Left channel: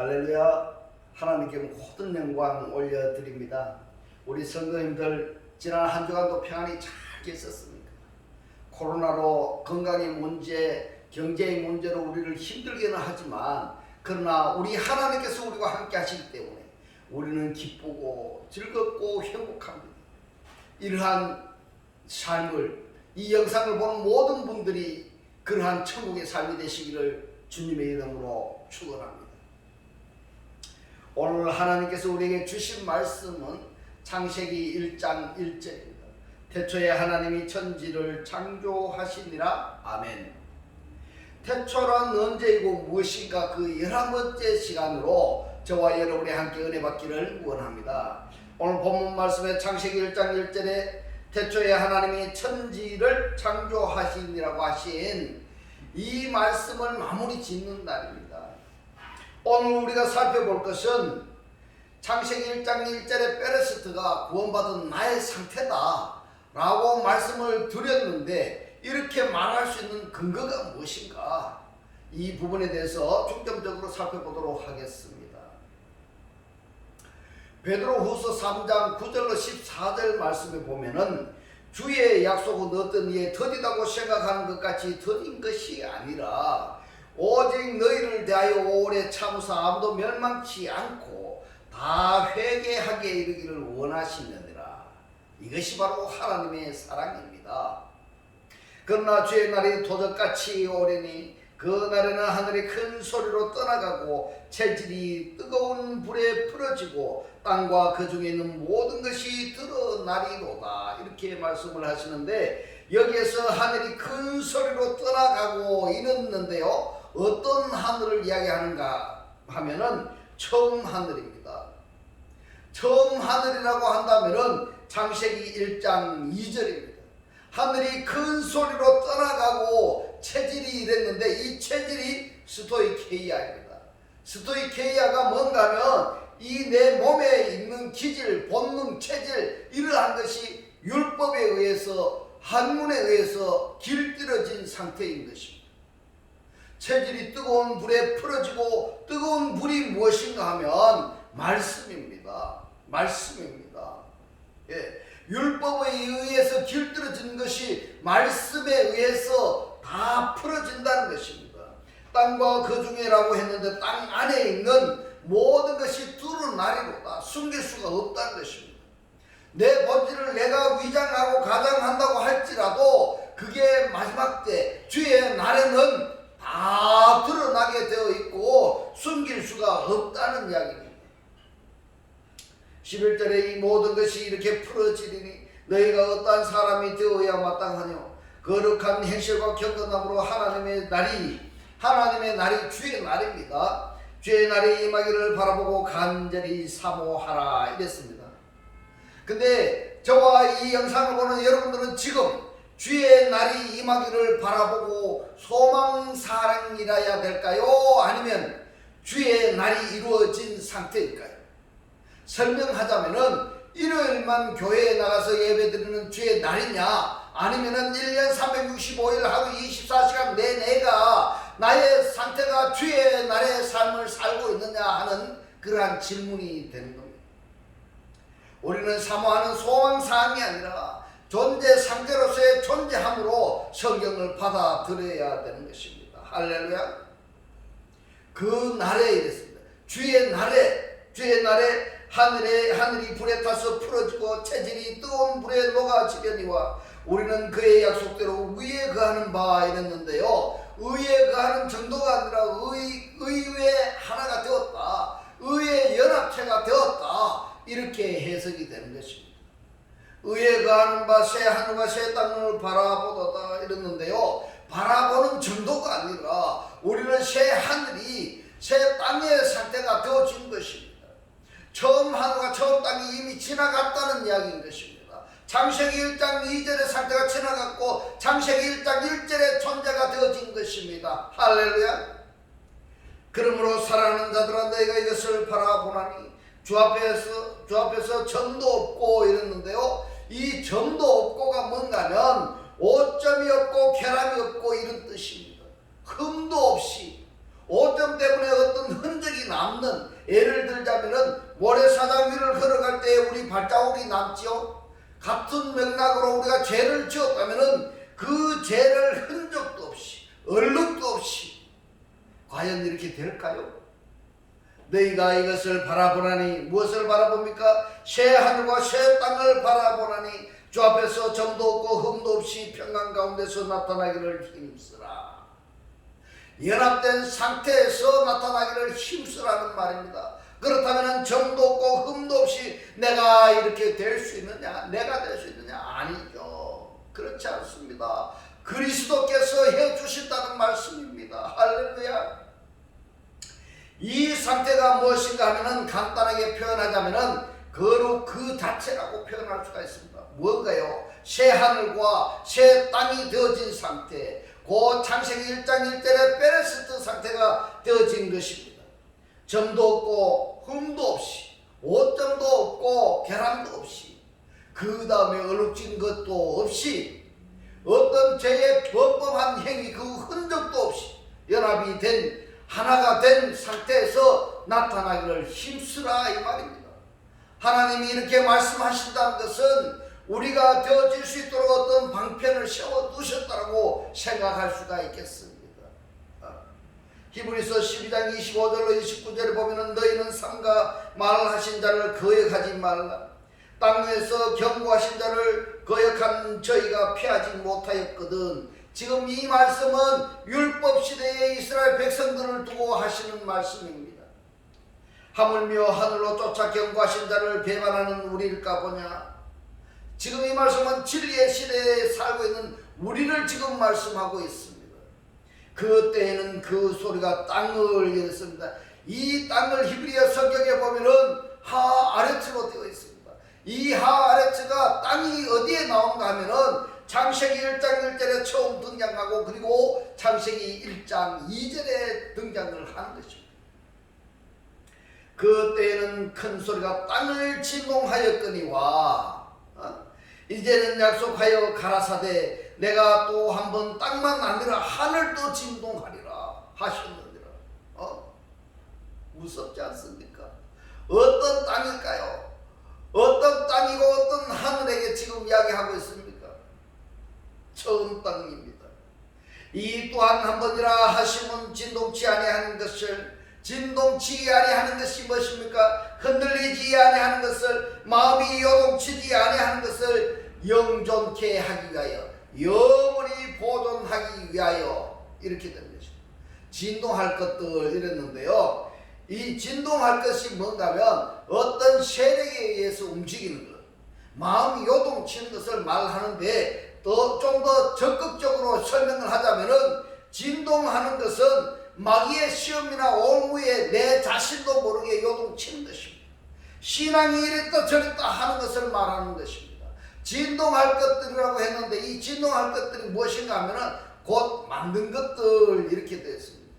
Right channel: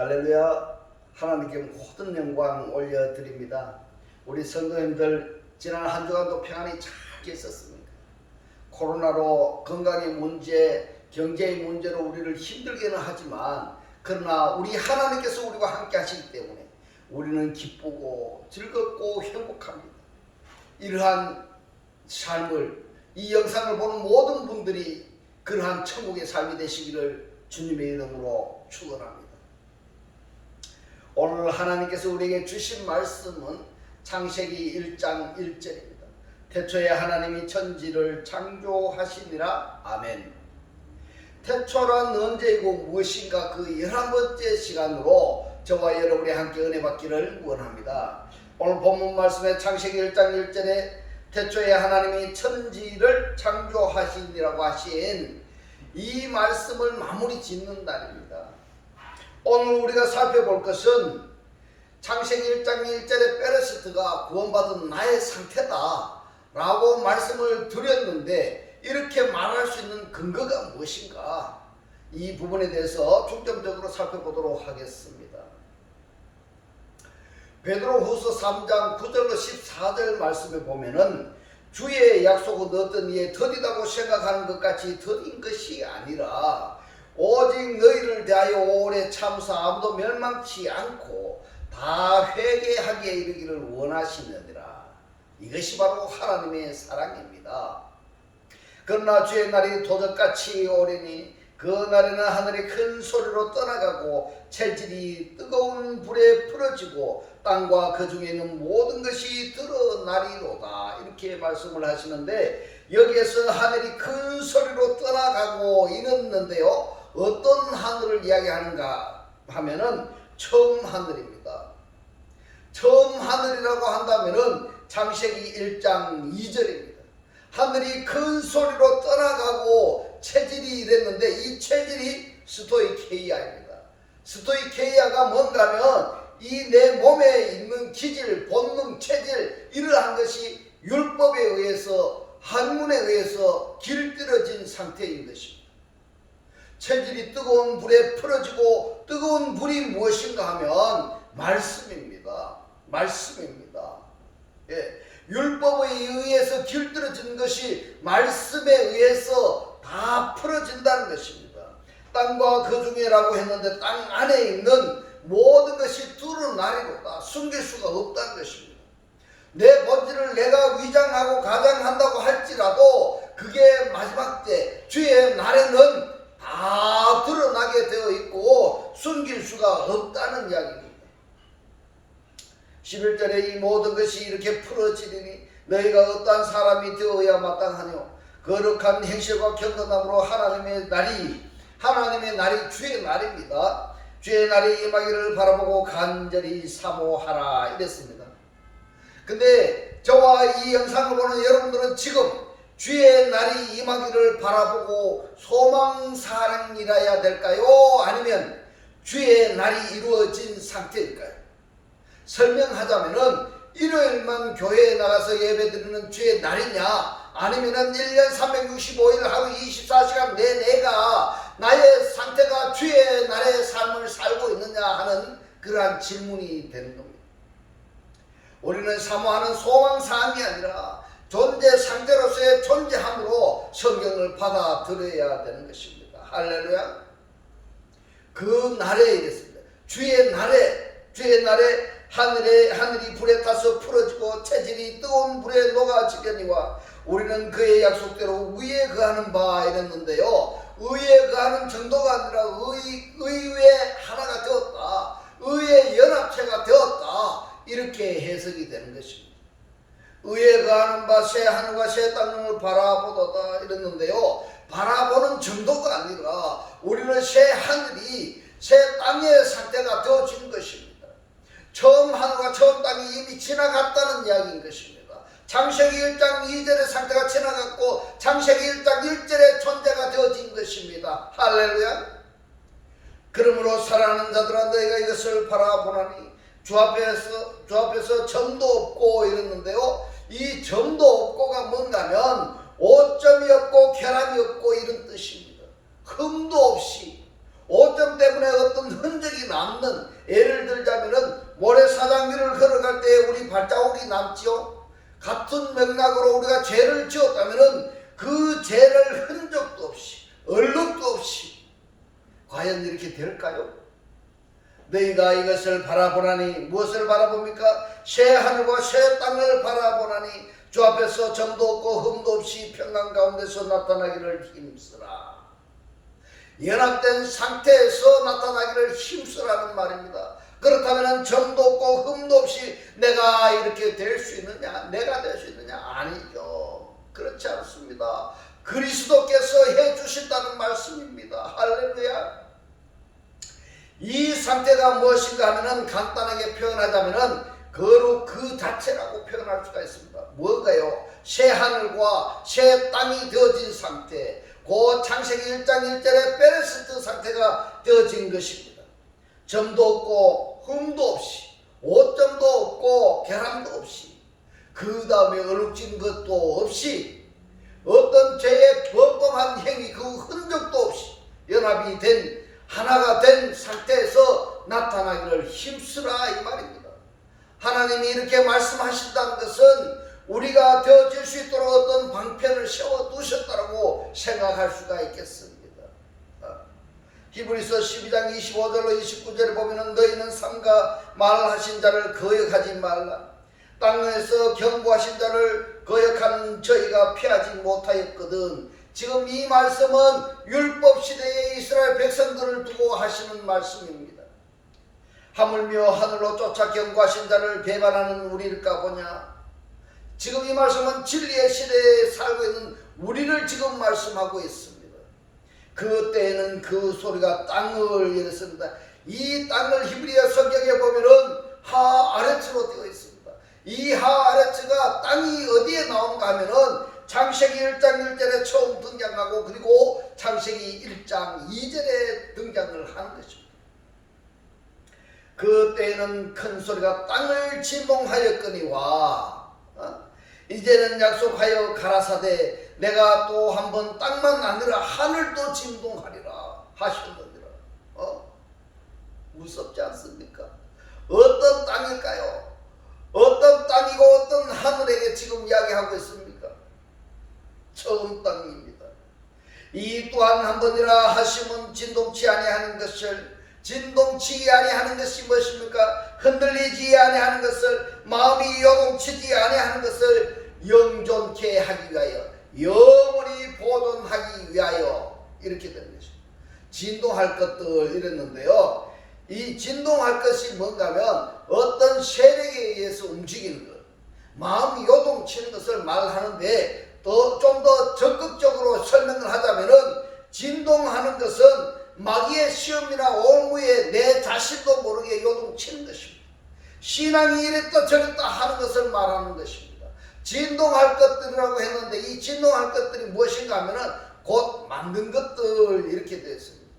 할렐루야. 하나님께 모든 영광 올려드립니다. 우리 성도님들 지난 한 주간도 평안히 잘 계셨습니까? 코로나로 건강의 문제, 경제의 문제로 우리를 힘들게는 하지만 그러나 우리 하나님께서 우리와 함께 하시기 때문에 우리는 기쁘고 즐겁고 행복합니다. 이러한 삶을, 이 영상을 보는 모든 분들이 그러한 천국의 삶이 되시기를 주님의 이름으로 축원합니다. 오늘 하나님께서 우리에게 주신 말씀은 창세기 1장 1절입니다. 태초에 하나님이 천지를 창조하시니라. 아멘. 태초란 언제이고 무엇인가, 그 11번째 시간으로 저와 여러분이 함께 은혜 받기를 원합니다. 오늘 본문 말씀에 창세기 1장 1절에 태초에 하나님이 천지를 창조하시니라고 하신 이 말씀을 마무리 짓는 날입니다. 오늘 우리가 살펴볼 것은 창세기 1장 1절에 베레스트가 구원받은 나의 상태다 라고 말씀을 드렸는데, 이렇게 말할 수 있는 근거가 무엇인가, 이 부분에 대해서 중점적으로 살펴보도록 하겠습니다. 베드로후서 3장 9절로 14절 말씀에 보면은 주의 약속은 어떤 이에 더디다고 생각하는 것 같이 더딘 것이 아니라 오직 너희를 대하여 오래 참으사 아무도 멸망치 않고 다 회개하게 이르기를 원하시느니라. 이것이 바로 하나님의 사랑입니다. 그러나 주의 날이 도적같이 오려니 그 날에는 하늘이 큰 소리로 떠나가고 체질이 뜨거운 불에 풀어지고 땅과 그 중에 있는 모든 것이 드러나리로다. 이렇게 말씀을 하시는데, 여기에서 하늘이 큰 소리로 떠나가고 이랬는데요, 어떤 하늘을 이야기하는가 하면은 처음 하늘입니다. 처음 하늘이라고 한다면은 창세기 1장 2절입니다. 하늘이 큰 소리로 떠나가고 체질이 이랬는데, 이 체질이 스토이케이아입니다. 스토이케이아가 뭔가 하면 이 내 몸에 있는 기질, 본능, 체질, 이러한 것이 율법에 의해서, 학문에 의해서 길들여진 상태인 것입니다. 체질이 뜨거운 불에 풀어지고, 뜨거운 불이 무엇인가 하면 말씀입니다. 말씀입니다. 예. 율법에 의해서 길들여진 것이 말씀에 의해서 다 풀어진다는 것입니다. 땅과 그 중에라고 했는데 땅 안에 있는 모든 것이 드러나리로다. 숨길 수가 없다는 것입니다. 내 본질을 내가 위장하고 가장한다고 할지라도 그게 마지막 때 주의 날에는 다 드러나게 되어 있고 숨길 수가 없다는 이야기입니다. 11절에 이 모든 것이 이렇게 풀어지리니 너희가 어떠한 사람이 되어야 마땅하뇨. 거룩한 행실과 경건함으로 하나님의 날이 주의 날입니다. 주의 날이 임하기를 바라보고 간절히 사모하라. 이랬습니다. 근데 저와 이 영상을 보는 여러분들은 지금 주의 날이 임하기를 바라보고 소망사랑이라야 될까요? 아니면 주의 날이 이루어진 상태일까요? 설명하자면은 일요일만 교회에 나가서 예배드리는 주의 날이냐, 아니면은 1년 365일 하루 24시간 내내가 나의 상태가 주의 날의 삶을 살고 있느냐 하는 그러한 질문이 되는 겁니다. 우리는 사모하는 소망사항이 아니라 존재 상태로서의 존재함으로 성경을 받아들여야 되는 것입니다. 할렐루야. 그 날에 이랬습니다. 주의 날에 하늘이 불에 타서 풀어지고 체질이 뜨거운 불에 녹아지려니와 우리는 그의 약속대로 의에 거하는 바 이랬는데요, 의에 거하는 정도가 아니라 의의 하나가 되었다, 의의 연합체가 되었다, 이렇게 해석이 되는 것입니다. 의에 거하는 바 새 하늘과 새 땅을 바라보도다 이랬는데요, 바라보는 정도가 아니라 우리는 새 하늘이 새 땅의 상태가 되어진 것입니다. 처음 하늘과 처음 땅이 이미 지나갔다는 이야기인 것입니다. 창세기 1장 2절의 상태가 지나갔고 창세기 1장 1절의 존재가 되어진 것입니다. 할렐루야. 그러므로 사랑하는 자들아 너희가 이것을 바라보나니 주 앞에서 점도 없고 이랬는데요, 이 점도 없고가 뭔가면 오점이 없고 결함이 없고 이런 뜻입니다. 흠도 없이, 오점 때문에 어떤 흔적이 남는, 예를 들자면은 모래사장 위를 걸어갈 때 우리 발자국이 남지요. 같은 맥락으로 우리가 죄를 지었다면은 그 죄를 흔적도 없이 얼룩도 없이 과연 이렇게 될까요? 너희가 이것을 바라보나니, 무엇을 바라봅니까? 새 하늘과 새 땅을 바라보나니 주 앞에서 점도 없고 흠도 없이 평강 가운데서 나타나기를 힘쓰라. 연합된 상태에서 나타나기를 힘쓰라는 말입니다. 그렇다면 점도 없고 흠도 없이 내가 이렇게 될 수 있느냐? 내가 될 수 있느냐? 아니죠. 그렇지 않습니다. 그리스도께서 해주신다는 말씀입니다. 할렐루야. 이 상태가 무엇인가 하면은 간단하게 표현하자면은 거룩 그 자체라고 표현할 수가 있습니다. 뭔가요? 새 하늘과 새 땅이 되어진 상태, 그 창세기 1장 1절의 베레스트 상태가 되어진 것입니다. 점도 없고 흠도 없이, 오점도 없고 결함도 없이, 그 다음에 얼룩진 것도 없이, 어떤 죄의 범범한 행위 그 흔적도 없이 연합이 된, 하나가 된 상태에서 나타나기를 힘쓰라 이 말입니다. 하나님이 이렇게 말씀하신다는 것은 우리가 되어질 수 있도록 어떤 방편을 세워두셨다고 생각할 수가 있겠습니다. 히브리서 12장 25절로 29절에 보면 너희는 삼가 말하신 자를 거역하지 말라. 땅에서 경고하신 자를 거역한 저희가 피하지 못하였거든. 지금 이 말씀은 율법 시대의 이스라엘 백성들을 두고 하시는 말씀입니다. 하물며 하늘로 쫓아 경고하신 자를 배반하는 우리일까 보냐. 지금 이 말씀은 진리의 시대에 살고 있는 우리를 지금 말씀하고 있습니다. 그때에는 그 소리가 땅을 열었습니다. 이 땅을 히브리어 성경에 보면은 하아레츠로 되어 있습니다. 이 하아레츠가 땅이 어디에 나온가 하면은 창세기 1장 1절에 처음 등장하고 그리고 창세기 1장 2절에 등장을 하는 것입니다. 그때에는 큰 소리가 땅을 진동하였거니와 이제는 약속하여 가라사대 내가 또 한 번 땅만 아니라 하늘도 진동하리라 하셨느니라. 무섭지 않습니까? 어떤 땅일까요? 어떤 땅이고 어떤 하늘에게 지금 이야기하고 있습니까? 처음 땅입니다. 이 또한 한 번이라 하시면 진동치 아니하는 것을, 진동치 아니하는 것이 무엇입니까? 흔들리지 아니하는 것을, 마음이 요동치지 아니하는 것을 영존케 하기 위하여, 영원히 보존하기 위하여 이렇게 되는 것입니다. 진동할 것들 이랬는데요. 이 진동할 것이 뭔가 하면 어떤 세력에 의해서 움직이는 것, 마음이 요동치는 것을 말하는데 좀 더 적극적으로 설명을 하자면은 진동하는 것은 마귀의 시험이나 옹무에 내 자신도 모르게 요동치는 것입니다. 신앙이 이랬다 저랬다 하는 것을 말하는 것입니다. 진동할 것들이라고 했는데 이 진동할 것들이 무엇인가 하면은 곧 만든 것들 이렇게 되어 있습니다.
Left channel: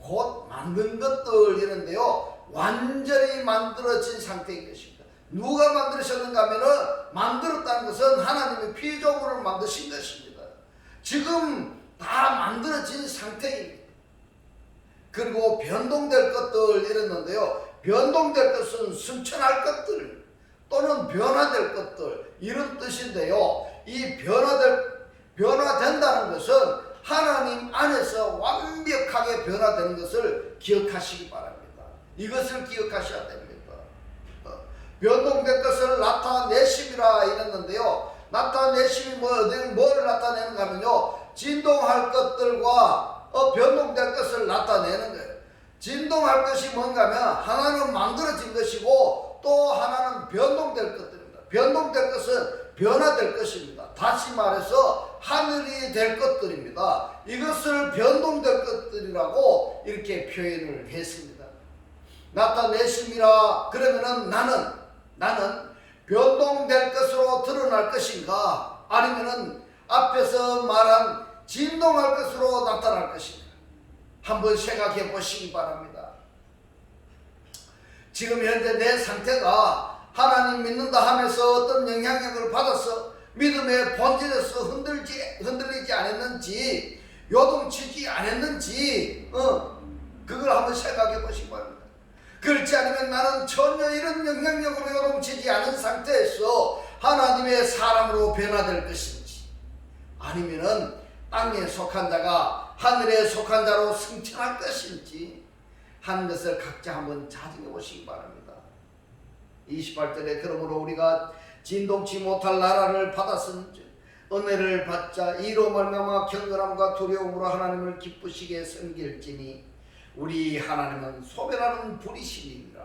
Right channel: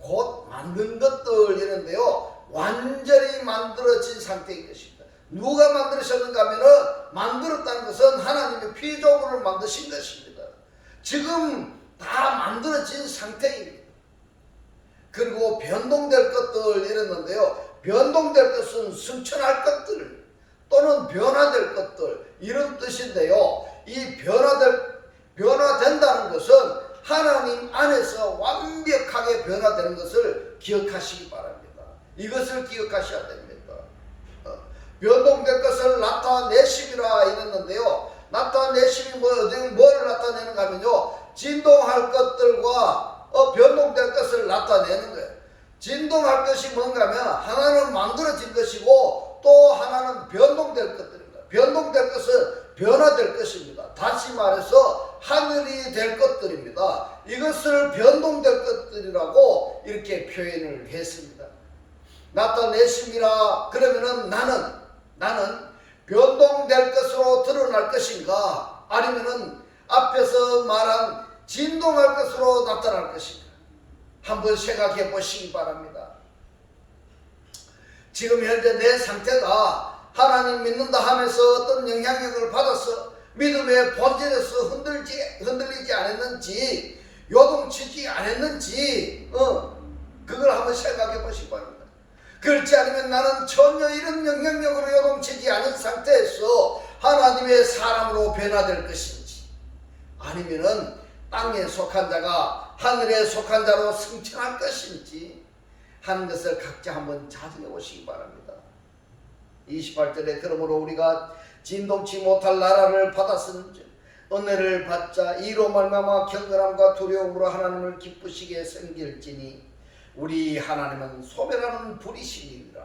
곧 만든 것들 이런데요. 완전히 만들어진 상태인 것입니다. 누가 만드셨는가 하면은 만들었다는 것은 하나님의 피조물을 만드신 것입니다. 지금 다 만들어진 상태입니다. 그리고 변동될 것들 이랬는데요. 변동될 것은 승천할 것들 또는 변화될 것들 이런 뜻인데요. 이 변화된다는 것은 하나님 안에서 완벽하게 변화되는 것을 기억하시기 바랍니다. 이것을 기억하셔야 됩니다. 변동될 것을 나타내심이라 이랬는데요. 나타내심이 뭐를 나타내는가 하면요. 진동할 것들과 변동될 것을 나타내는 거예요. 진동할 것이 뭔가 하면 하나는 만들어진 것이고 또 하나는 변동될 것들입니다. 변동될 것은 변화될 것입니다. 다시 말해서 하늘이 될 것들입니다. 이것을 변동될 것들이라고 이렇게 표현을 했습니다. 나타내심이라 그러면은 나는 변동될 것으로 드러날 것인가 아니면은 앞에서 말한 진동할 것으로 나타날 것인가 한번 생각해 보시기 바랍니다. 지금 현재 내 상태가 하나님 믿는다 하면서 어떤 영향력을 받아서 믿음의 본질에서 흔들리지 않았는지 요동치지 않았는지 그걸 한번 생각해 보시기 바랍니다. 그렇지 않으면 나는 전혀 이런 영향력으로 요동치지 않은 상태에서 하나님의 사람으로 변화될 것인지, 아니면은 땅에 속한 자가 하늘에 속한 자로 승천할 것인지 하는 것을 각자 한번 자정해 보시기 바랍니다. 28절에 그러므로 우리가 진동치 못할 나라를 받았은즉 은혜를 받자 이로 말미암아 경건함과 두려움으로 하나님을 기쁘시게 섬길지니 우리 하나님은 소멸하는 불이시니라.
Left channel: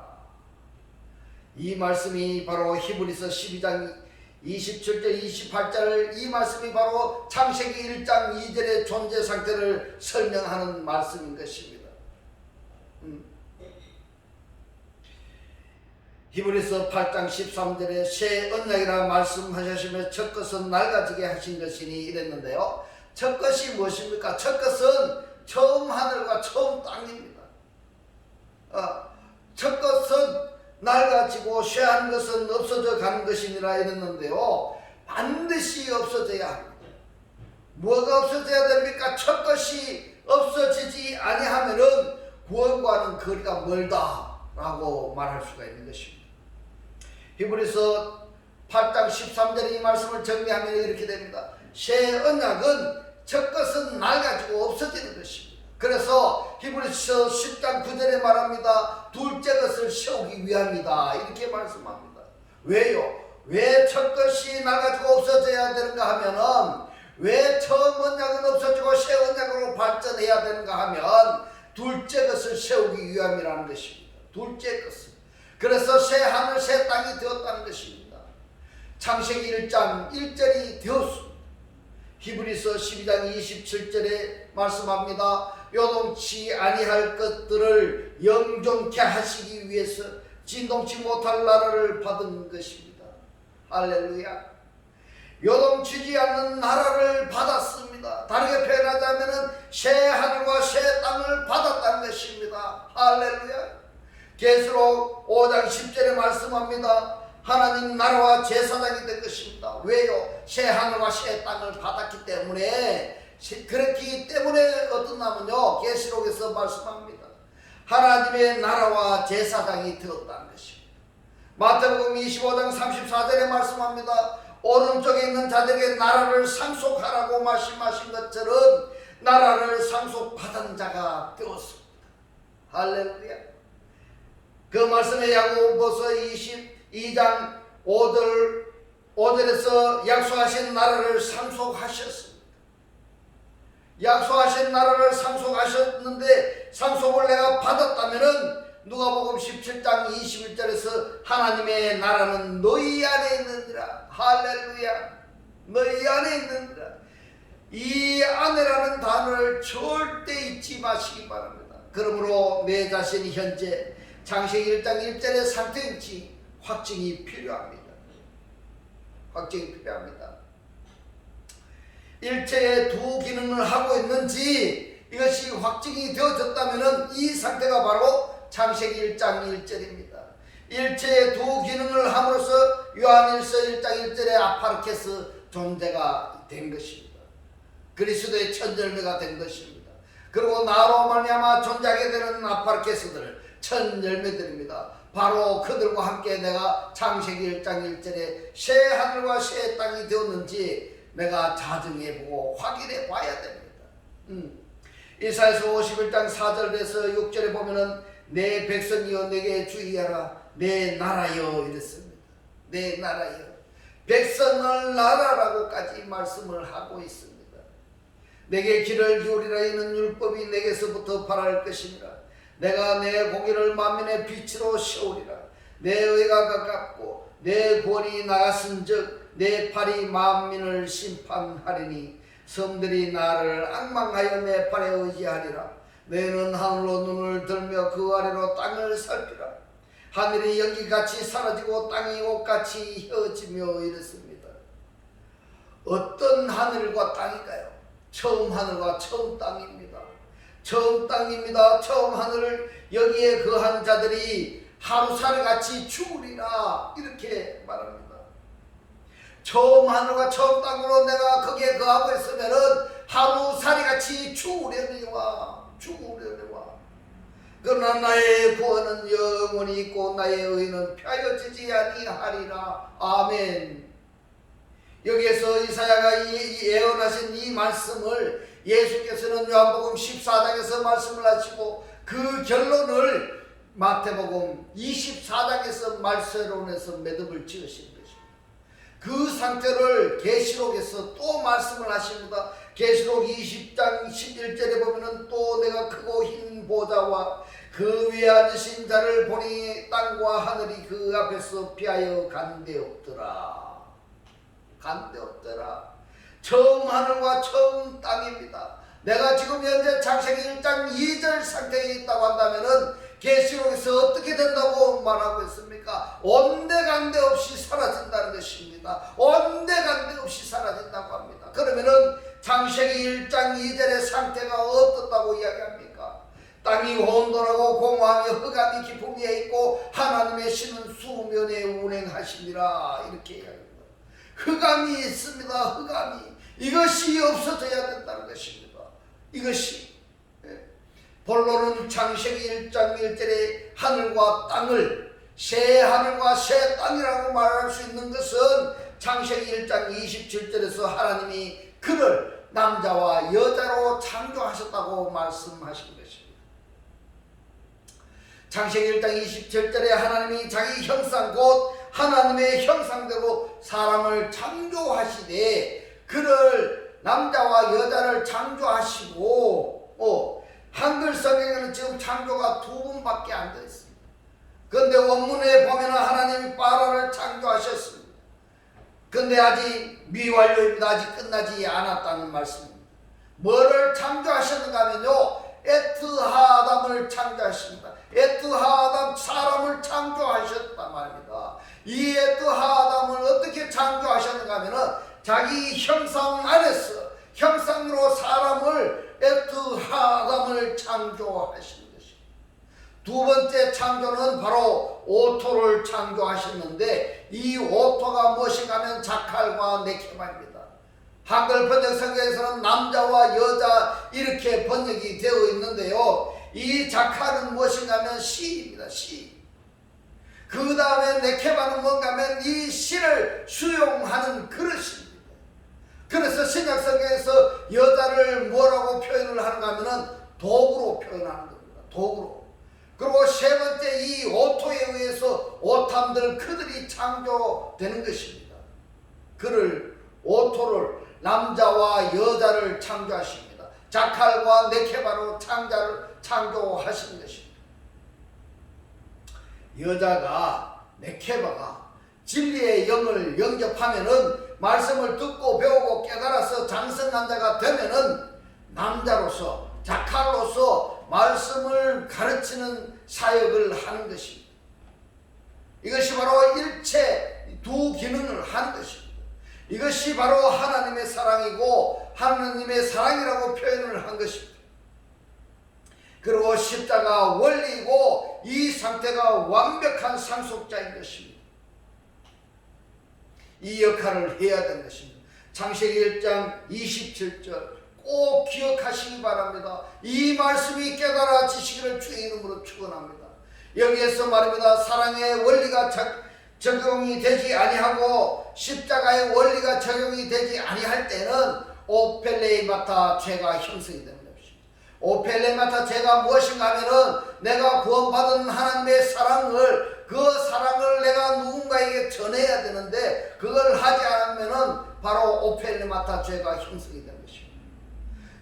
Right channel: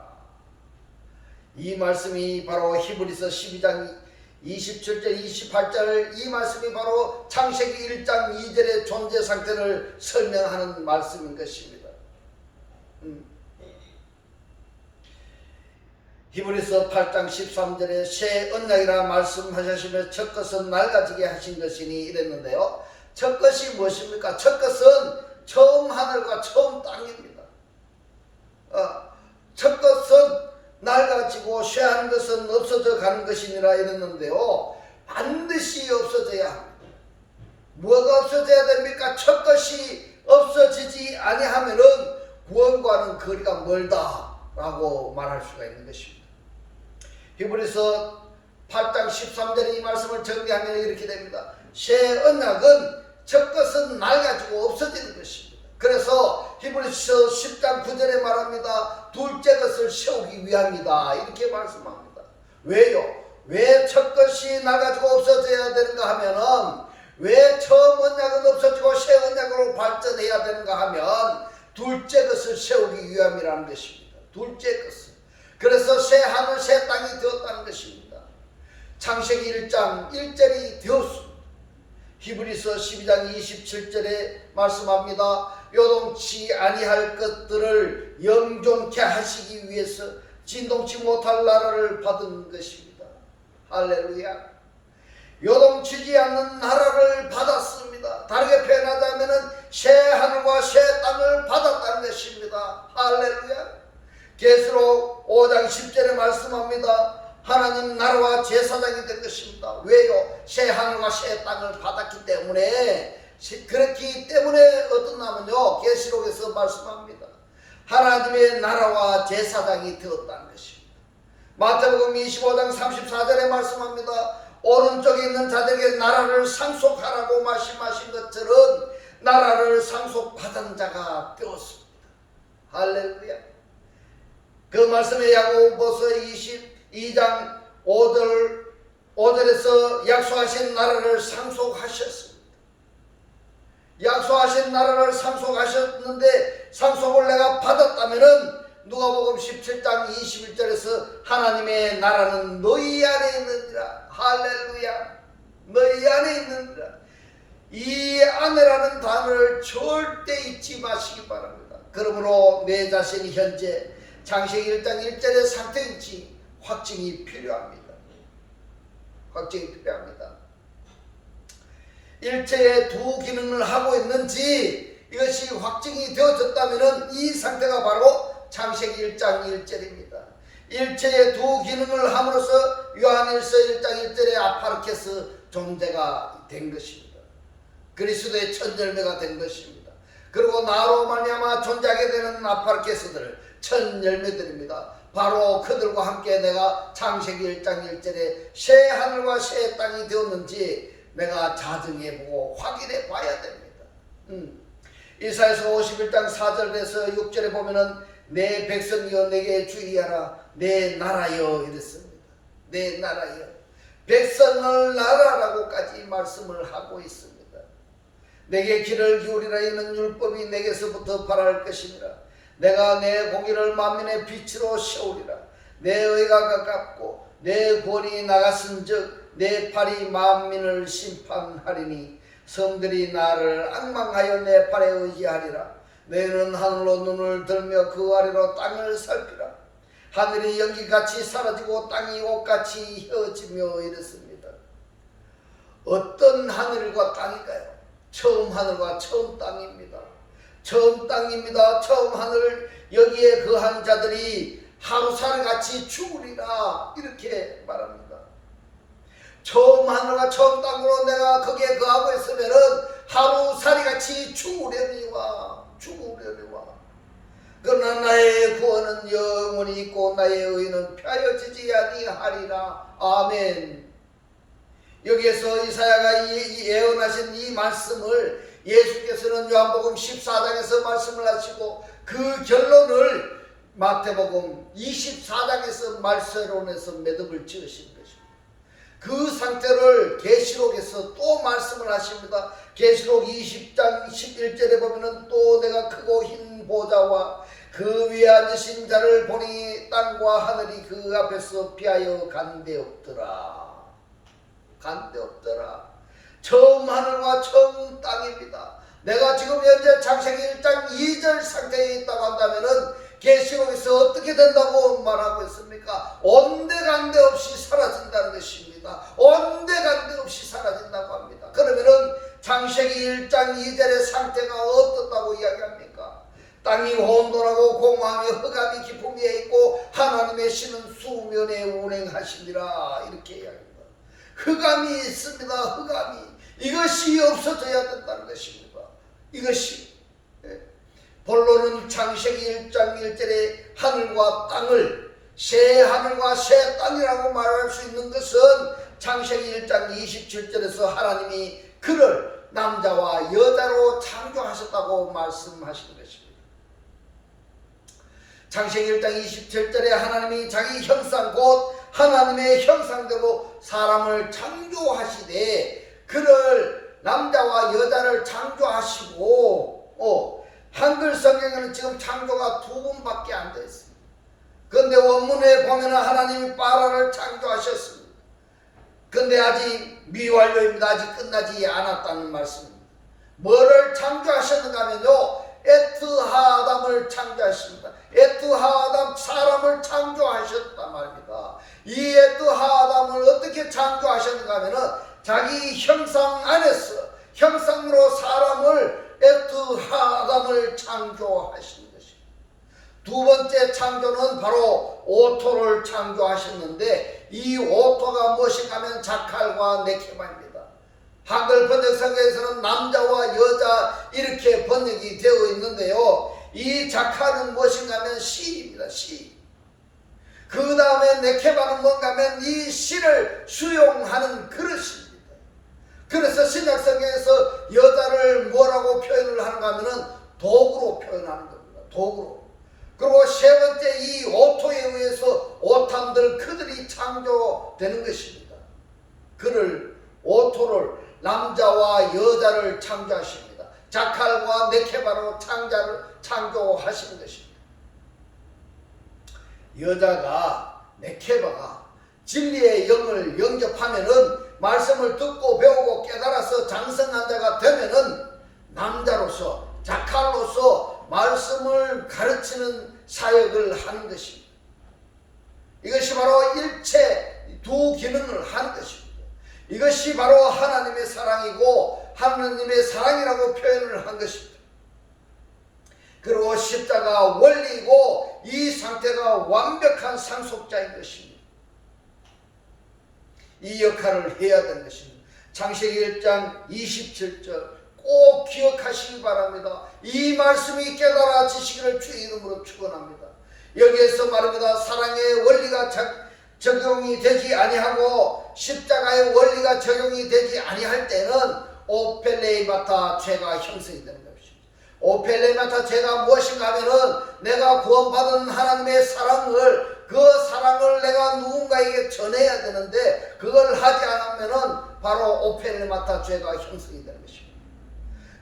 이 말씀이 바로 히브리서 12장 27절 28절, 이 말씀이 바로 창세기 1장 2절의 존재 상태를 설명하는 말씀인 것입니다. 히브리서 8장 13절에 새 언약이라 말씀하셨으며 첫 것은 낡아지게 하신 것이니 이랬는데요. 첫 것이 무엇입니까? 첫 것은 처음 하늘과 처음 땅입니다. 첫 것은 낡아지고 쇠한 것은 없어져 가는 것이니라 이랬는데요. 반드시 없어져야 합니다. 뭐가 없어져야 됩니까? 첫 것이 없어지지 아니하면은 구원과는 거리가 멀다라고 말할 수가 있는 것입니다. 히브리서 8장 13절의 이 말씀을 정리하면 이렇게 됩니다. 새 언약은 첫 것은 낡아지고 없어지는 것입니다. 그래서 히브리서 10장 9절에 말합니다. 둘째 것을 세우기 위함이다 이렇게 말씀합니다. 왜요? 왜 첫 것이 낡아지고 없어져야 되는가 하면은, 왜 처음 언약은 없어지고 새 언약으로 발전해야 되는가 하면 둘째 것을 세우기 위함이라는 것입니다. 둘째 것을. 그래서 새 하늘 새 땅이 되었다는 것입니다. 창세기 1장 1절이 되었습니다. 히브리서 12장 27절에 말씀합니다. 요동치 아니할 것들을 영존케 하시기 위해서 진동치 못할 나라를 받은 것입니다. 할렐루야. 요동치지 않는 나라를 받았습니다. 다르게 표현하자면 새 하늘과 새 땅을 받았다는 것입니다. 할렐루야. 계시록 5장 10절에 말씀합니다. 하나님 나라와 제사장이 될 것입니다. 왜요? 새 하늘과 새 땅을 받았기 때문에. 그렇기 때문에 어떠냐면요, 계시록에서 말씀합니다. 하나님의 나라와 제사장이 되었다는 것입니다. 마태복음 25장 34절에 말씀합니다. 오른쪽에 있는 자들에게 나라를 상속하라고 말씀하신 것처럼 나라를 상속받은 자가 되었습니다. 할렐루야. 그 말씀에 야고보서 22장 5절에서 약속하신 나라를 상속하셨습니다. 약속하신 나라를 상속하셨는데 상속을 내가 받았다면은 누가복음 17장 21절에서 하나님의 나라는 너희 안에 있느니라. 할렐루야. 너희 안에 있느니라. 이 안에라는 단어를 절대 잊지 마시기 바랍니다. 그러므로 내 자신이 현재 창세기 1장 1절의 상태인지 확증이 필요합니다. 확증이 필요합니다. 일체의 두 기능을 하고 있는지 이것이 확증이 되어졌다면 이 상태가 바로 창세기 1장 1절입니다. 일체의 두 기능을 함으로써 요한일서 1장 1절의 아파르케스 존재가 된 것입니다. 그리스도의 첫 열매가 된 것입니다. 그리고 나로 말미암아 존재하게 되는 아파르케스들을 첫 열매들입니다. 바로 그들과 함께 내가 창세기 1장 1절에 새 하늘과 새 땅이 되었는지 내가 자정해보고 확인해 봐야 됩니다. 이사야서 51장 4절에서 6절에 보면은 내 백성이여 내게 주의하라 내 나라여 이랬습니다. 내 나라여. 백성을 나라라고까지 말씀을 하고 있습니다. 내게 귀를 기울이라 이는 율법이 내게서부터 발할 것이니라. 내가 내 공의를 만민의 빛으로 세우리라. 내 의가 가깝고 내 권이 나갔은즉 내 팔이 만민을 심판하리니 섬들이 나를 앙망하여 내 팔에 의지하리라. 너희는 하늘로 눈을 들며 그 아래로 땅을 살피라. 하늘이 연기같이 사라지고 땅이 옷같이 휘어지며 이랬습니다. 어떤 하늘과 땅인가요? 처음 하늘과 처음 땅입니다. 처음 땅입니다. 처음 하늘. 여기에 거한 자들이 하루살이같이 죽으리라 이렇게 말합니다. 처음 하늘과 처음 땅으로 내가 거기에 거하고 있으면은 하루살이같이 죽으려니와. 그러나 나의 구원은 구원이 있고 나의 의는 폐하여지지 아니하리라. 아멘. 여기에서 이사야가 예언하신 이 말씀을 예수께서는 요한복음 14장에서 말씀을 하시고 그 결론을 마태복음 24장에서 말세론에서 매듭을 지으신 것입니다. 그 상태를 계시록에서 또 말씀을 하십니다. 계시록 20장 11절에 보면은 또 내가 크고 흰 보좌와 그 위에 앉으신 자를 보니 땅과 하늘이 그 앞에서 피하여 간데없더라. 간데없더라. 처음 하늘과 처음 땅입니다. 내가 지금 현재 창세기 1장 2절 상태에 있다고 한다면은 계시록에서 어떻게 된다고 말하고 있습니까? 온데간데 없이 사라진다는 것입니다. 온데간데 없이 사라진다고 합니다. 그러면은 창세기 1장 2절의 상태가 어떻다고 이야기합니까? 땅이 혼돈하고 공허하며 흑암이 깊음 위에 있고 하나님의 신은 수면에 운행하시니라. 이렇게 이야기합니다. 흑암이 있습니다. 흑암이. 이것이 없어져야 된다는 것입니다. 이것이. 본론은 창세기 1장 1절에 하늘과 땅을 새 하늘과 새 땅이라고 말할 수 있는 것은 창세기 1장 27절에서 하나님이 그를 남자와 여자로 창조하셨다고 말씀하신 것입니다. 창세기 1장 27절에 하나님이 자기 형상 곧 하나님의 형상대로 사람을 창조하시되 그를 남자와 여자를 창조하시고 한글 성경에는 지금 창조가 두 번밖에 안 되어 있습니다. 그런데 원문에 보면 하나님이 바라를 창조하셨습니다. 그런데 아직 미완료입니다. 아직 끝나지 않았다는 말씀입니다. 뭐를 창조하셨는가 하면요, 에트하담을 창조하십니다. 에트하담 사람을 창조하셨단 말입니다. 이 에트하담을 어떻게 창조하셨는가 하면은 자기 형상 안에서 형상으로 사람을 에트하담을 창조하신 것입니다. 두 번째 창조는 바로 오토를 창조하셨는데 이 오토가 무엇인가 하면 자칼과 네케바입니다. 한글 번역 성경에서는 남자와 여자 이렇게 번역이 되어 있는데요, 이 자칼은 무엇인가 하면 씨입니다. 씨. 그 다음에 네케바는 뭔가 하면 이 씨를 수용하는 그릇입니다. 그래서 신약성경에서 여자를 뭐라고 표현을 하는가 하면은 도구로 표현하는 겁니다. 도구로. 그리고 세 번째 이 오토에 의해서 오탐들 그들이 창조되는 것입니다. 그를 오토를 남자와 여자를 창조하십니다. 자칼과 네케바로 창조하신 것입니다. 여자가 네케바가 진리의 영을 영접하면은 말씀을 듣고 배우고 깨달아서 장성한 자가 되면은 남자로서 자칼로서 말씀을 가르치는 사역을 하는 것입니다. 이것이 바로 일체 두 기능을 하는 것입니다. 이것이 바로 하나님의 사랑이고 하나님의 사랑이라고 표현을 한 것입니다. 그리고 십자가 원리이고 이 상태가 완벽한 상속자인 것입니다. 이 역할을 해야 되는 것입니다. 창세기 1장 27절 꼭 기억하시기 바랍니다. 이 말씀이 깨달아지시기를 주의 이름으로 축원합니다. 여기에서 말입니다. 사랑의 원리가 적용이 되지 아니하고 십자가의 원리가 적용이 되지 아니할 때는 오펠레이마타 죄가 형성이 되는 것입니다. 오펠레이마타 죄가 무엇인가 하면은 내가 구원받은 하나님의 사랑을 그 사랑을 내가 누군가에게 전해야 되는데 그걸 하지 않으면은 바로 오펠레마타 죄가 형성이 되는 것입니다.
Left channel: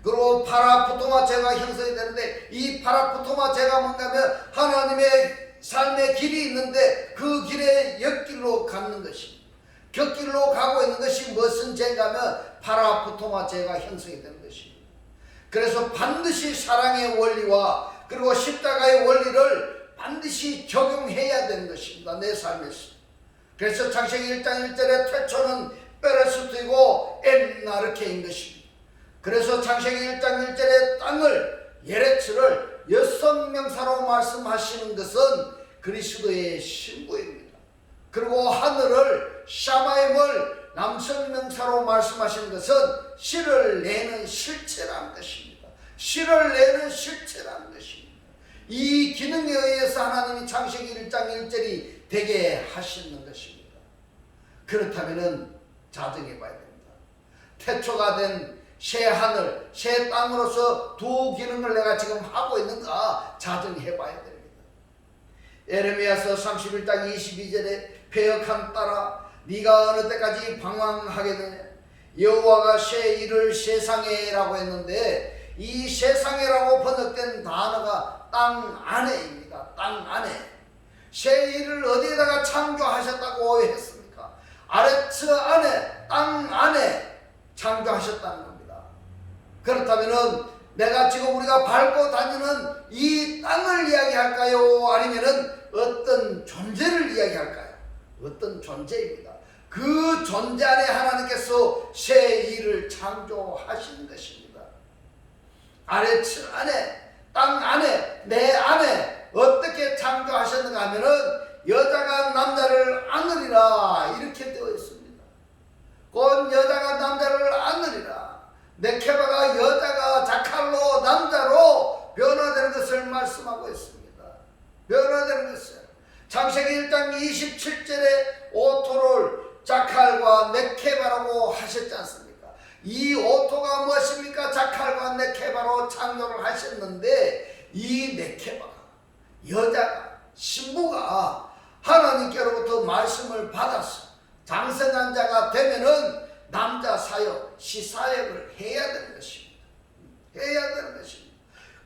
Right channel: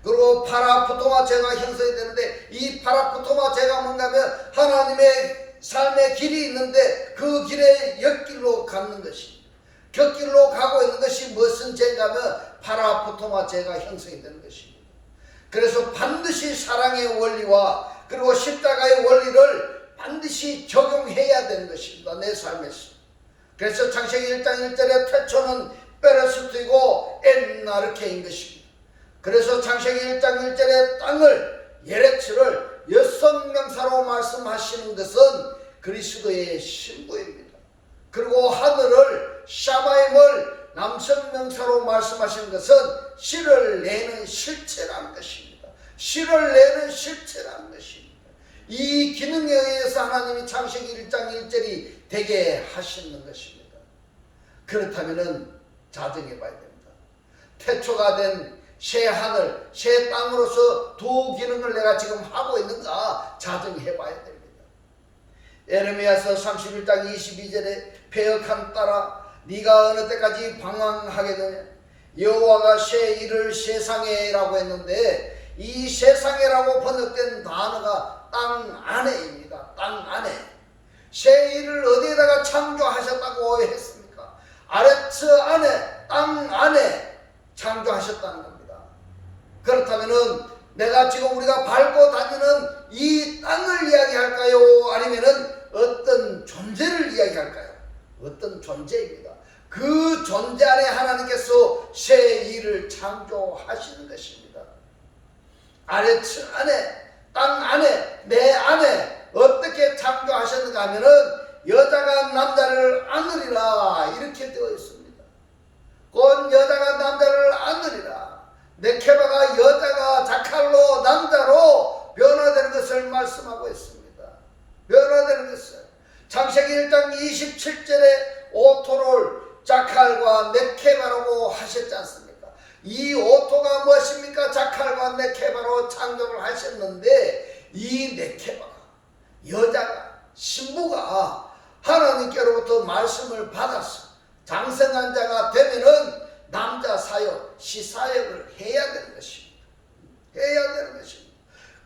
그리고 파라푸토마 죄가 형성이 되는데 이 파라푸토마 죄가 뭔가 하면 하나님의 삶의 길이 있는데 그 길에 옆길로 가는 것입니다. 곁길로 가고 있는 것이 무슨 죄인가 하면 파라푸토마 죄가 형성이 되는 것입니다. 그래서 반드시 사랑의 원리와 그리고 십자가의 원리를 반드시 적용해야 되는 것입니다. 내 삶에서. 그래서 창세기 1장 1절에 태초는 베레스트이고 엔나르케인 것입니다. 그래서 창세기 1장 1절에 땅을 예레츠를 여성명사로 말씀하시는 것은 그리스도의 신부입니다. 그리고 하늘을 샤마임을 남성명사로 말씀하시는 것은 씨를 내는 실체라는 것입니다. 씨를 내는 실체라는 것입니다. 이 기능에 의해서 하나님이 창세기 1장 1절이 되게 하시는 것입니다. 그렇다면 자정해 봐야 됩니다. 태초가 된 새 하늘, 새 땅으로서 두 기능을 내가 지금 하고 있는가 자정해 봐야 됩니다. 에레미야서 31장 22절에 패역한 딸아 네가 어느 때까지 방황하겠느냐 여호와가 새 일을 세상에라고 했는데 이 세상에라고 번역된 단어가 땅 안에입니다. 땅 안에. 새 일을 어디에다가 창조하셨다고 했습니까? 아레츠 안에, 땅 안에 창조하셨다는 겁니다. 그렇다면은 내가 지금 우리가 밟고 다니는 이 땅을 이야기할까요? 아니면은 어떤 존재를 이야기할까요? 어떤 존재입니다. 그 존재 안에 하나님께서 새 일을 창조하시는 것입니다. 아레츠 안에, 땅 안에, 내 안에 어떻게 창조하셨는가 하면은 여자가 남자를 안으리라 이렇게 되어 있습니다. 곧 여자가 남자를 안으리라. 네케바가 여자가 자칼로 남자로 변화되는 것을 말씀하고 있습니다. 변화되는 것을 창세기 1장 27절에 오토를 자칼과 네케바라고 하셨지 않습니까? 이 오토가 무엇입니까? 자칼과 네케바로 창조를 하셨는데 이 네케바가 여자가 신부가 하나님께로부터 말씀을 받아서 장성한 자가 되면은 남자 사역, 시사역을 해야 되는 것입니다. 해야 되는 것입니다.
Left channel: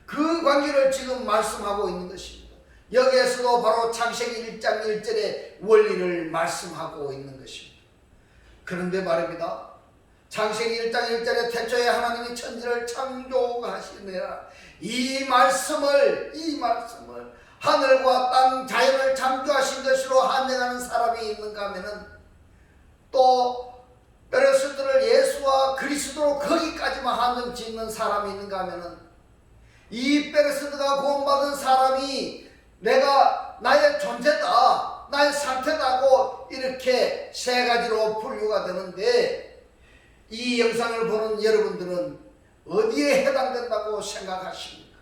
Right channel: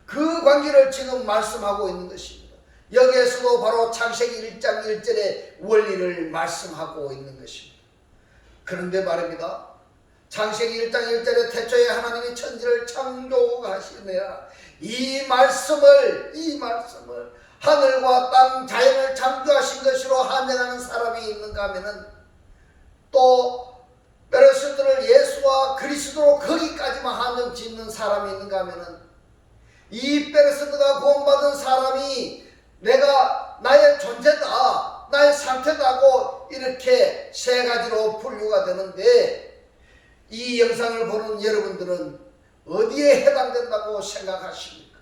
그 관계를 지금 말씀하고 있는 것입니다. 여기에서도 바로 창세기 1장 1절의 원리를 말씀하고 있는 것입니다. 그런데 말입니다. 창세기 1장 1절에 태초에 하나님이 천지를 창조하시느라 이 말씀을 하늘과 땅 자연을 창조하신 것으로 한정하는 사람이 있는가 하면은 또 베레스트를 예수와 그리스도로 거기까지만 한정 짓는 사람이 있는가 하면은 이 베레스트가 구원받은 사람이 내가 나의 존재다, 나의 상태다고 이렇게 세 가지로 분류가 되는데 이 영상을 보는 여러분들은 어디에 해당된다고 생각하십니까?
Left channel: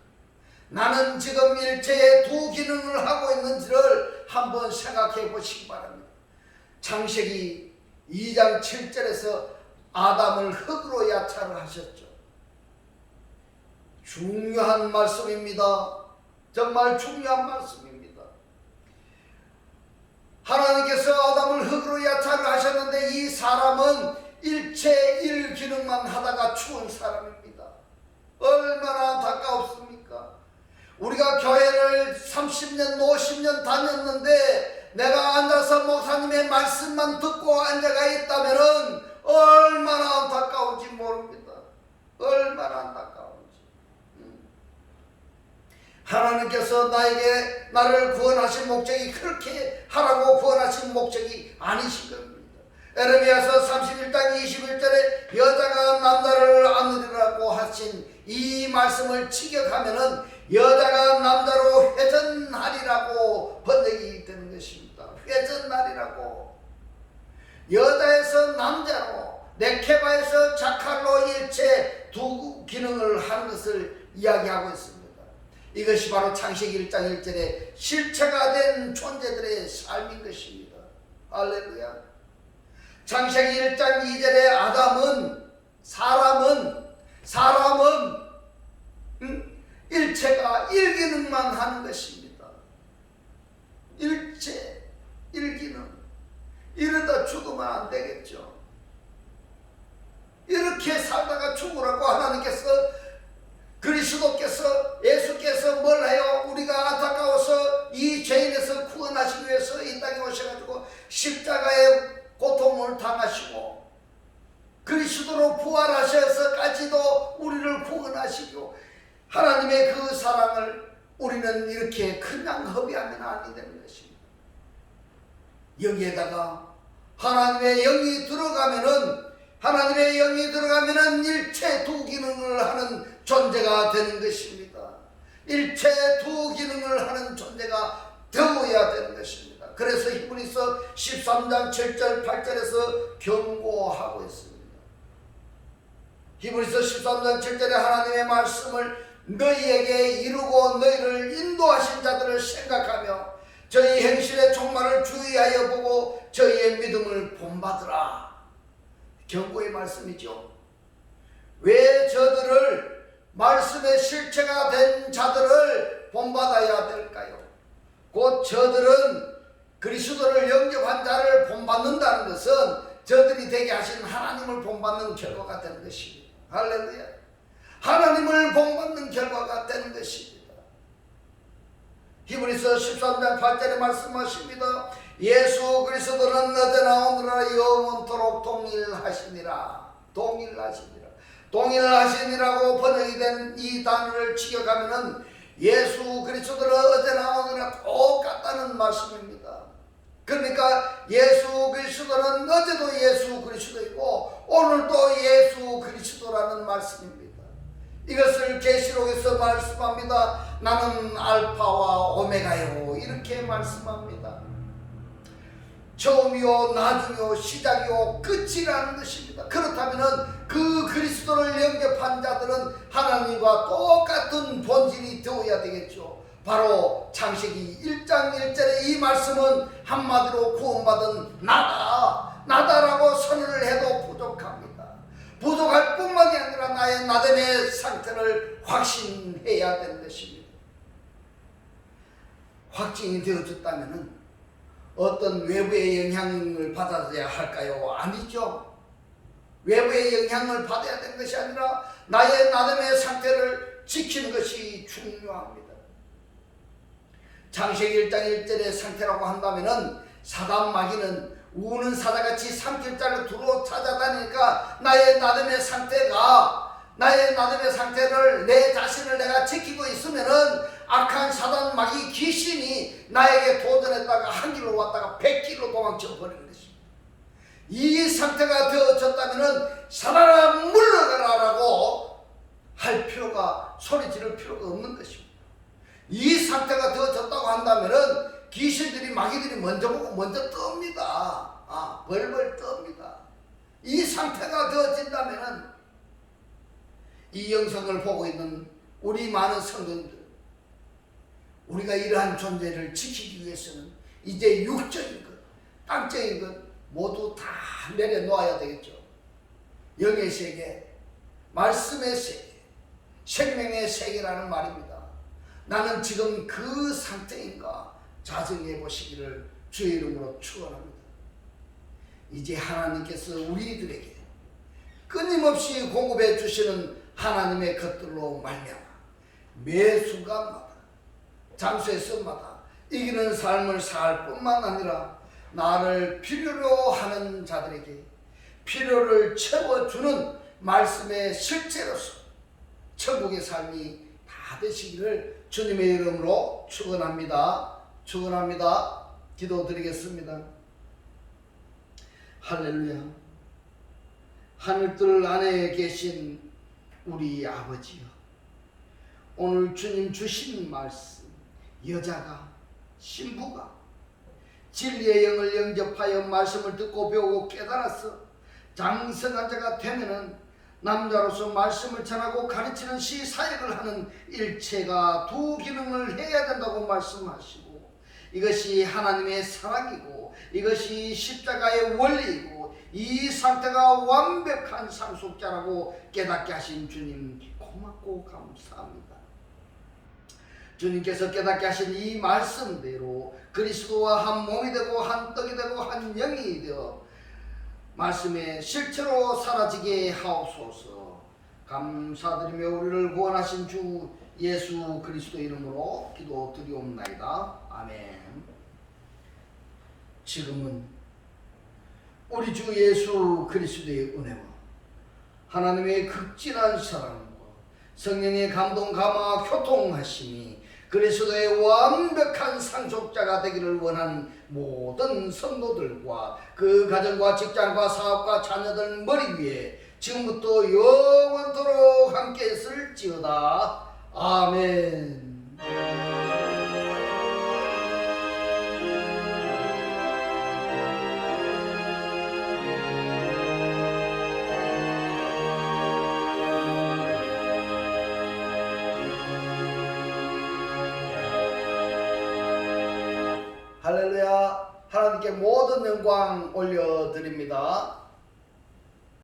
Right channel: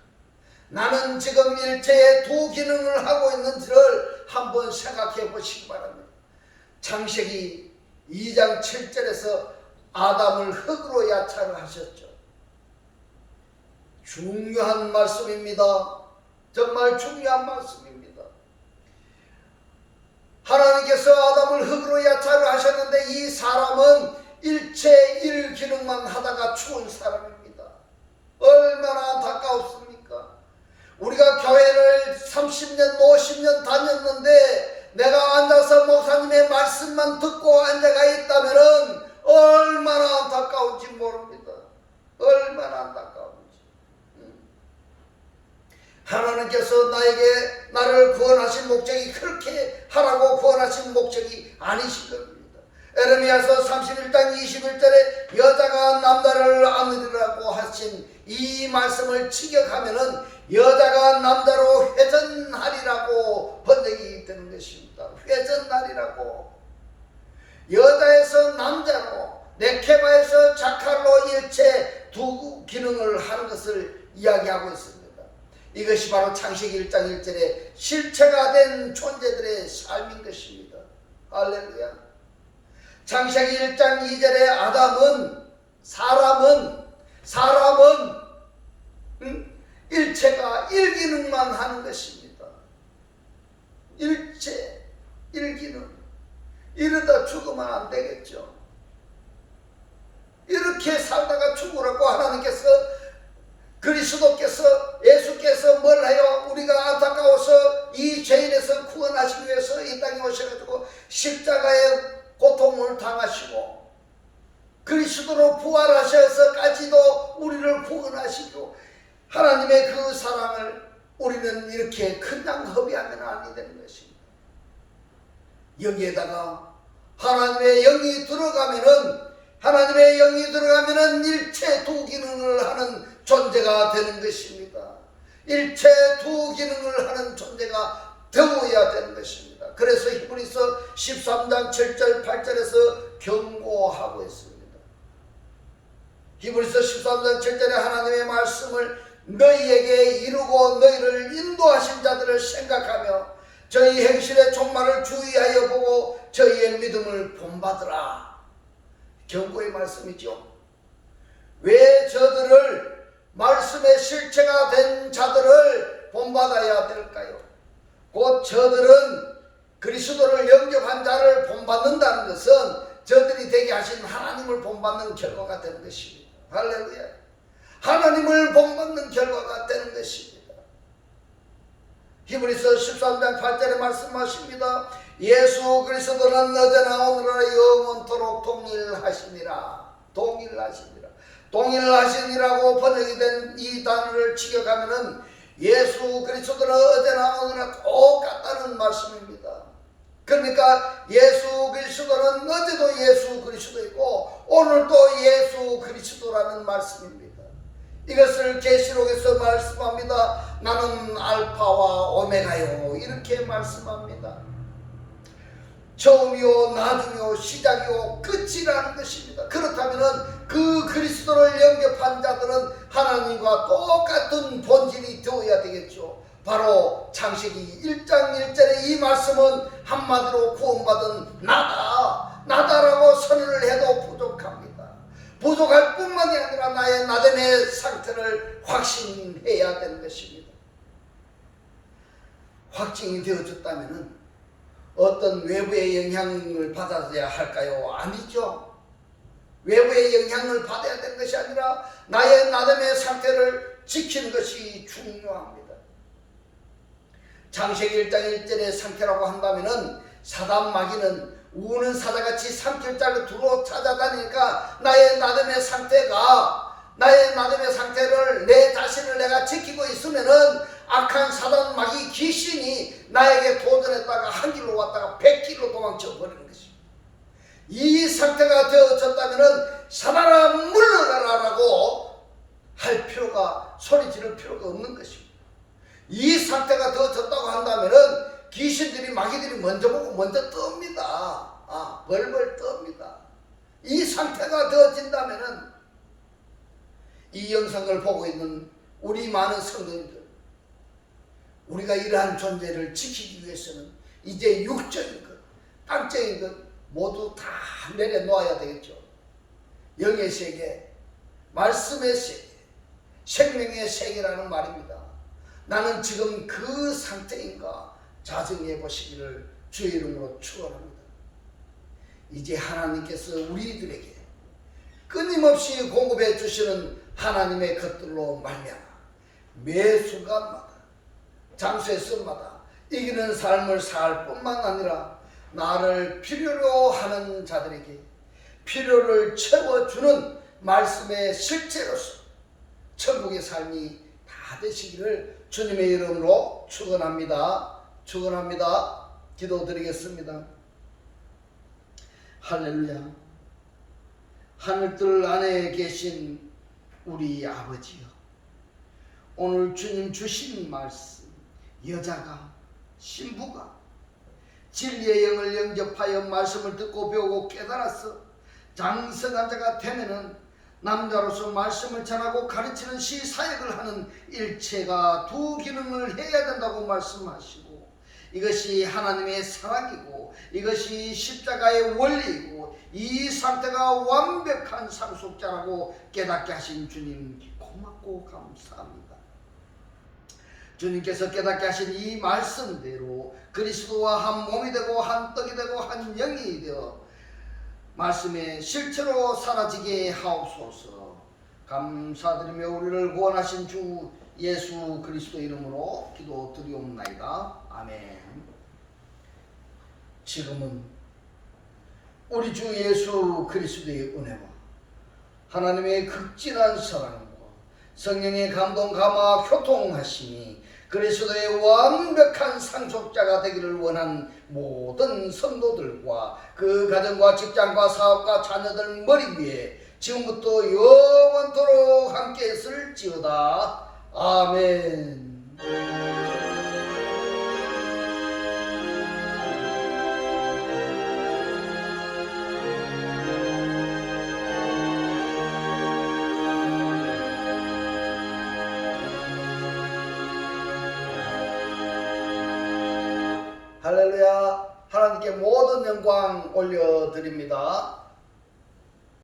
나는 지금 일체의 두 기능을 하고 있는지를 한번 생각해 보시기 바랍니다. 창세기 2장 7절에서 아담을 흙으로 야차를 하셨죠. 중요한 말씀입니다. 정말 중요한 말씀입니다. 하나님께서 아담을 흙으로 야차를 하셨는데 이 사람은 일체 일 기능만 하다가 죽은 사람입니다. 얼마나 안타까웠습니까? 우리가 교회를 30년, 50년 다녔는데 내가 앉아서 목사님의 말씀만 듣고 앉아가 있다면 얼마나 안타까운지 모릅니다. 얼마나 안타까운지. 하나님께서 나를 구원하신 목적이 그렇게 하라고 구원하신 목적이 아니신 겁니다. 에레미야서 31장 21절에 여자가 남자를 안으리라고 하신 이 말씀을 직역하면은 여자가 남자로 회전하리라고 번역이 되는 것입니다. 회전하리라고. 여자에서 남자로, 네케바에서 자칼로 일체 두 기능을 하는 것을 이야기하고 있습니다. 이것이 바로 창세기 1장 1절에 실체가 된 존재들의 삶인 것입니다. 할렐루야. 창세기 1장 2절에 아담은 사람은 일체가 일기능만 하는 것입니다. 일체, 일기능. 이러다 죽으면 안 되겠죠. 이렇게 살다가 죽으라고 하나님께서 그리스도께서 예수께서 뭘 해요? 우리가 안타까워서 이 죄인에서 구원하시기 위해서 이 땅에 오셔가지고 십자가의 고통을 당하시고 그리스도로 부활하셔서까지도 우리를 구원하시고 하나님의 그 사랑을 우리는 이렇게 그냥 허비하면 아니 되는 것입니다. 여기에다가 하나님의 영이 들어가면은 일체 두 기능을 하는 존재가 되는 것입니다. 일체 두 기능을 하는 존재가 되어야 되는 것입니다. 그래서 히브리서 13장 7절 8절에서 경고하고 있습니다. 히브리서 13장 7절에 하나님의 말씀을 너희에게 이루고 너희를 인도하신 자들을 생각하며 저희 행실의 종말을 주의하여 보고 저희의 믿음을 본받으라. 경고의 말씀이죠. 왜 저들을, 말씀의 실체가 된 자들을 본받아야 될까요? 곧 저들은 그리스도를 영접한 자를 본받는다는 것은 저들이 되게 하신 하나님을 본받는 결과가 되는 것입니다. 할렐루야. 하나님을 본받는 결과가 되는 것입니다. 히브리서 13장 8절에 말씀하십니다. 예수 그리스도는 어제나 오늘나 영원토록 동일하시니라. 동일하시니라. 동일하시니라고 번역이 된 이 단어를 직역하면은 예수 그리스도는 어제나 오늘나 똑같다는 말씀입니다. 그러니까 예수 그리스도는 어제도 예수 그리스도이고 오늘도 예수 그리스도라는 말씀입니다. 이것을 계시록에서 말씀합니다. 나는 알파와 오메가요, 이렇게 말씀합니다. 처음이요 나중이요 시작이요 끝이라는 것입니다. 그렇다면 그 그리스도를 영접한 자들은 하나님과 똑같은 본질이 되어야 되겠죠. 바로 창세기 1장 1절의 이 말씀은 한마디로 구원받은 나다라고 선언을 해도 부족합니다. 부족할 뿐만이 아니라 나의 나됨의 상태를 확신해야 되는 것입니다. 확증이 되어졌다면 어떤 외부의 영향을 받아야 할까요? 아니죠. 외부의 영향을 받아야 되는 것이 아니라 나의 나됨의 상태를 지키는 것이 중요합니다. 창세기 1장 1절의 상태라고 한다면 사단 마귀는 우는 사자같이 산길자를 두루 찾아다니니까 나의 나됨의 상태를 내 자신을 내가 지키고 있으면은 악한 사단 마귀 귀신이 나에게 도전했다가 한 길로 왔다가 100길로 도망쳐 버리는 것입니다. 이 상태가 되어졌다면은 사단아 물러가라라고 할 필요가, 소리 지를 필요가 없는 것입니다. 이 상태가 되어졌다고 한다면은 귀신들이 마귀들이 먼저 보고 먼저 뜹니다. 벌벌 뜹니다. 이 상태가 되어진다면은 이 영상을 보고 있는 우리 많은 성도님들, 우리가 이러한 존재를 지키기 위해서는 이제 육적인 것, 땅적인 것 모두 다 내려놓아야 되겠죠. 영의 세계, 말씀의 세계, 생명의 세계라는 말입니다. 나는 지금 그 상태인가 자정해 보시기를 주의 이름으로 축원합니다. 이제 하나님께서 우리들에게 끊임없이 공급해 주시는 하나님의 것들로 말미암아 매 순간마다 장소에서마다 이기는 삶을 살 뿐만 아니라 나를 필요로 하는 자들에게 필요를 채워주는 말씀의 실체로서 천국의 삶이 다 되시기를 주님의 이름으로 축원합니다. 축원합니다. 기도드리겠습니다. 할렐루야. 하늘들 안에 계신 우리 아버지여, 오늘 주님 주신 말씀, 여자가, 신부가 진리의 영을 영접하여 말씀을 듣고 배우고 깨달아서 장성한 자가 되면은 남자로서 말씀을 전하고 가르치는 시사역을 하는 일체가 두 기능을 해야 된다고 말씀하시고, 이것이 하나님의 사랑이고 이것이 십자가의 원리이고 이 상태가 완벽한 상속자라고 깨닫게 하신 주님 고맙고 감사합니다. 주님께서 깨닫게 하신 이 말씀대로 그리스도와 한 몸이 되고 한 떡이 되고 한 영이 되어 말씀의 실체로 사라지게 하옵소서. 감사드리며 우리를 구원하신 주 예수 그리스도 이름으로 기도드리옵나이다. 아멘. 지금은 우리 주 예수 그리스도의 은혜와 하나님의 극진한 사랑과 성령의 감동 감화 교통하심이 그리스도의 완벽한 상속자가 되기를 원한 모든 성도들과 그 가정과 직장과 사업과 자녀들 머리 위에 지금부터 영원토록 함께 있을지어다. 아멘. 할렐루야. 하나님께 모든 영광 올려드립니다.